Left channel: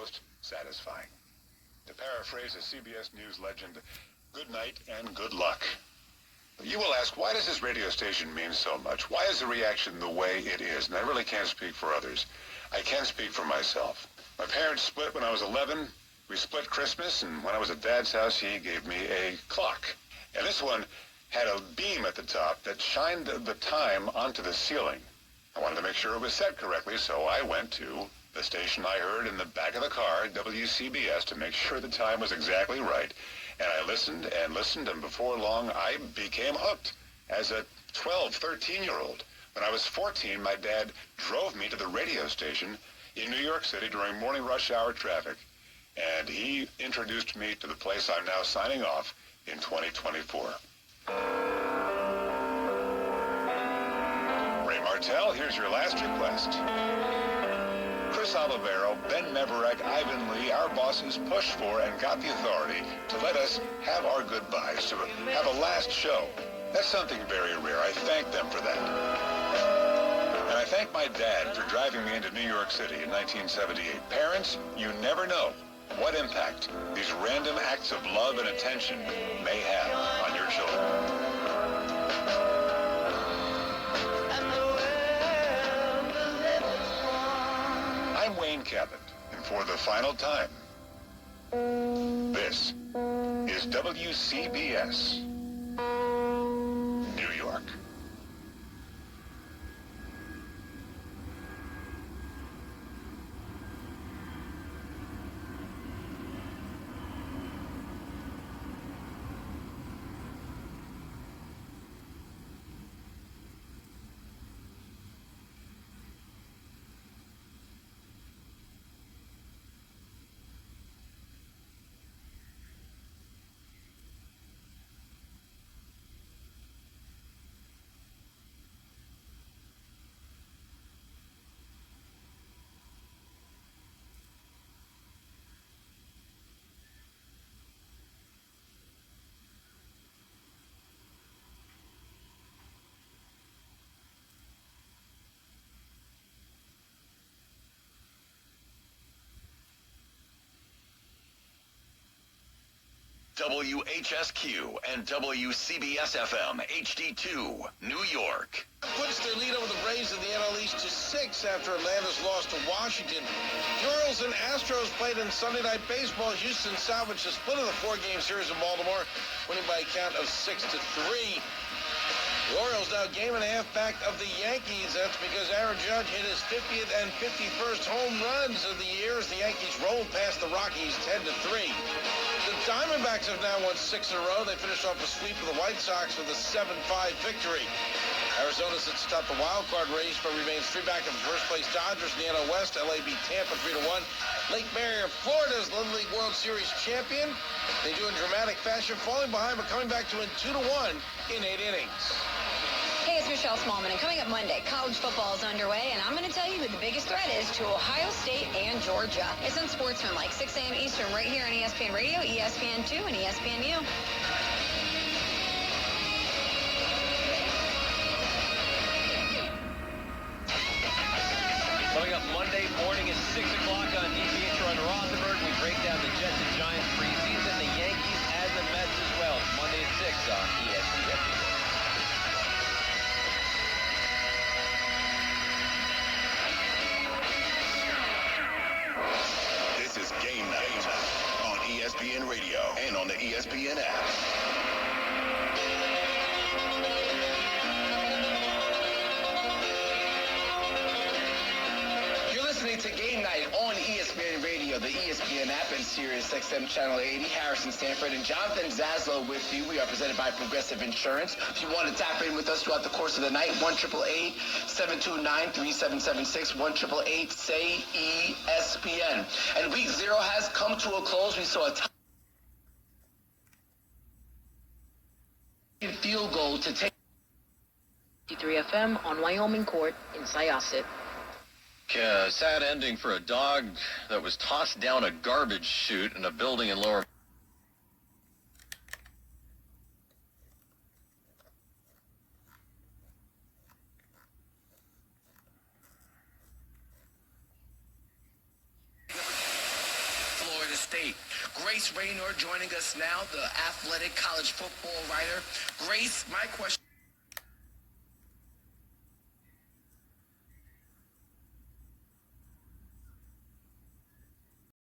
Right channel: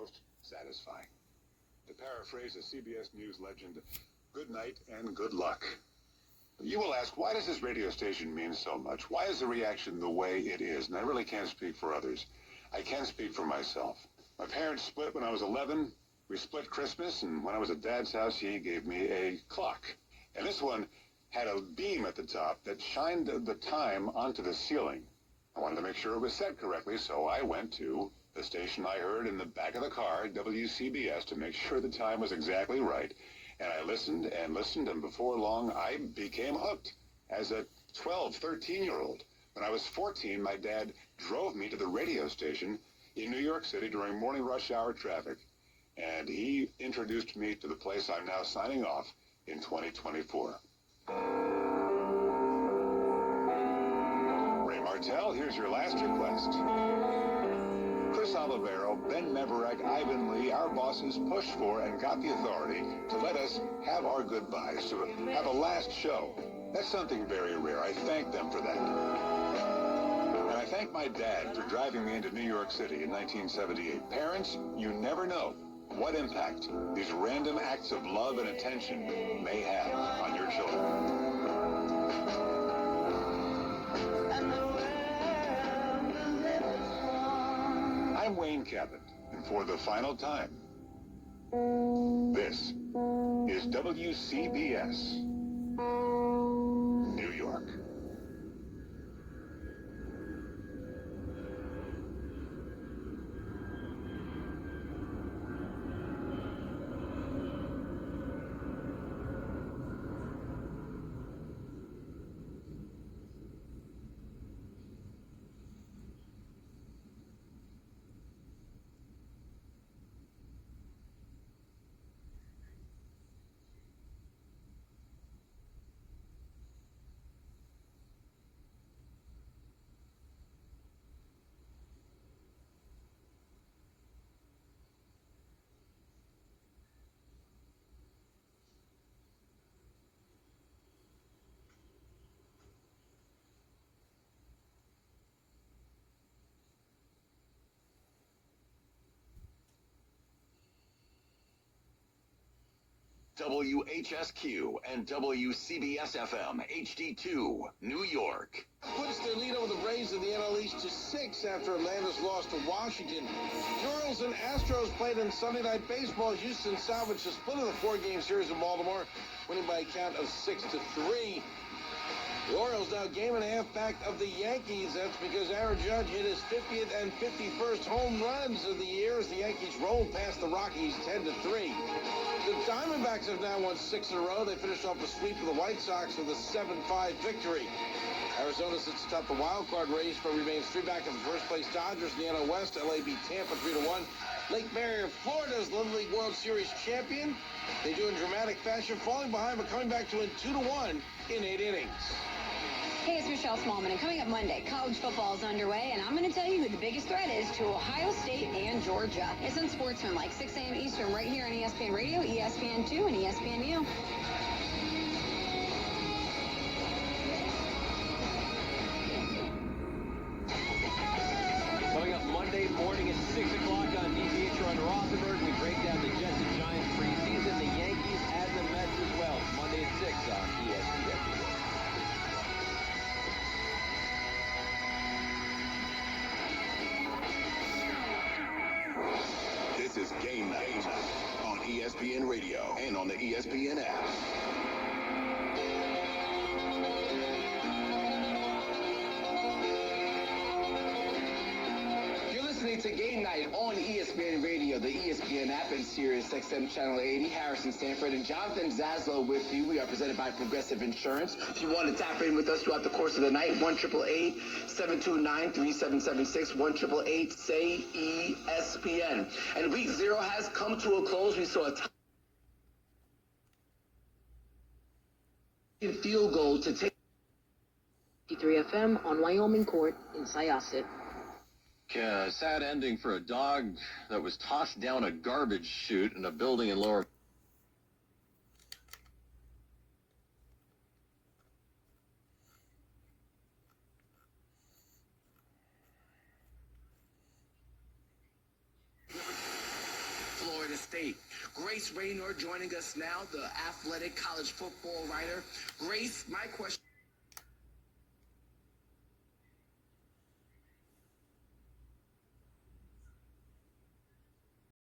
most satisfying. To paraphrase a CBS News legend, good night and good luck. You will ask, why does this radio station mean so much? Why is the reaction the way it is? And I really can't speak for others. I can speak for myself. My parents split when I was 11. We split Christmas, and when I was at Dad's house, he gave me a clock. And this one had a beam at the top that shined the time onto the ceiling. I wanted to make sure it was set correctly, so I went to the station I heard in the back of the car, WCBS, to make sure the time was exactly right. And I listened and listened, and before long, I became hooked as a 12, 13-year-old. When I was 14, my dad drove me to the radio station in New York City during morning rush hour traffic, and he introduced me to the place I'm now signing off in 2024. Ray Martell, here's your last request. Chris Olivero, Ben Meverek, Ivan Lee, our bosses pushed for and got the authority to let us have our goodbyes, to have a last show. That's something very rare. I thank them for that. And I thank my dad for driving me into New York City in 1978. Parents, you never know what impact these random acts of love and attention may have on your children. I'm Wayne Cabot, and for the final time, this is WCBS, New York. WHSQ and WCBS-FM HD2, New York. Puts their lead over the Braves in the NL East to 6 after Atlanta's loss to Washington. The Orioles and Astros played in Sunday Night Baseball. Houston salvaged the split of the 4-game series in Baltimore, winning by a count of 6-3. The Orioles now game and a half back of the Yankees. That's because Aaron Judge hit his 50th and 51st home runs of the year as the Yankees rolled past the Rockies 10-3. The Diamondbacks have now won 6 in a row. They finished off a sweep of the White Sox with a 7-5 victory. Arizona sits atop the wild card race, but remains 3 back of the first place Dodgers in the NL West. LA beat Tampa 3-1. Lake Mary, Florida is Little League World Series champion. They do in dramatic fashion, falling behind but coming back to win 2-1 in 8 innings. Hey, it's Michelle Smallman, and coming up Monday, college football is underway, and I'm going to tell you who the biggest threat is to Ohio State and Georgia. It's on Sportsman, like 6 a.m. Eastern, right here on ESPN Radio, ESPN2, and ESPNU. Coming up Monday morning at 6 o'clock on DPH on Rothenberg, we break down the Jets and Giants preseason, the Yankees and the Mets as well. It's Monday at 6 on ESPN. This is Game Night on ESPN Radio and on the ESPN app. You're listening to Game Night on ESPN Radio, the ESPN app, and Sirius XM Channel 80. Harrison Stanford and Jonathan Zaslow with you. We are presented by Progressive Insurance. If you want to tap in with us throughout the course of the night, 1-888-729-3776, 1-888-SAY-ESPN. And week 0 has come to a close. We saw a field goal to take 53 FM on Wyoming Court in Syosset. Sad ending for a dog that was tossed down a garbage chute in a building in Lower. State. Grace Raynor joining us now, the athletic college football writer. Grace, my question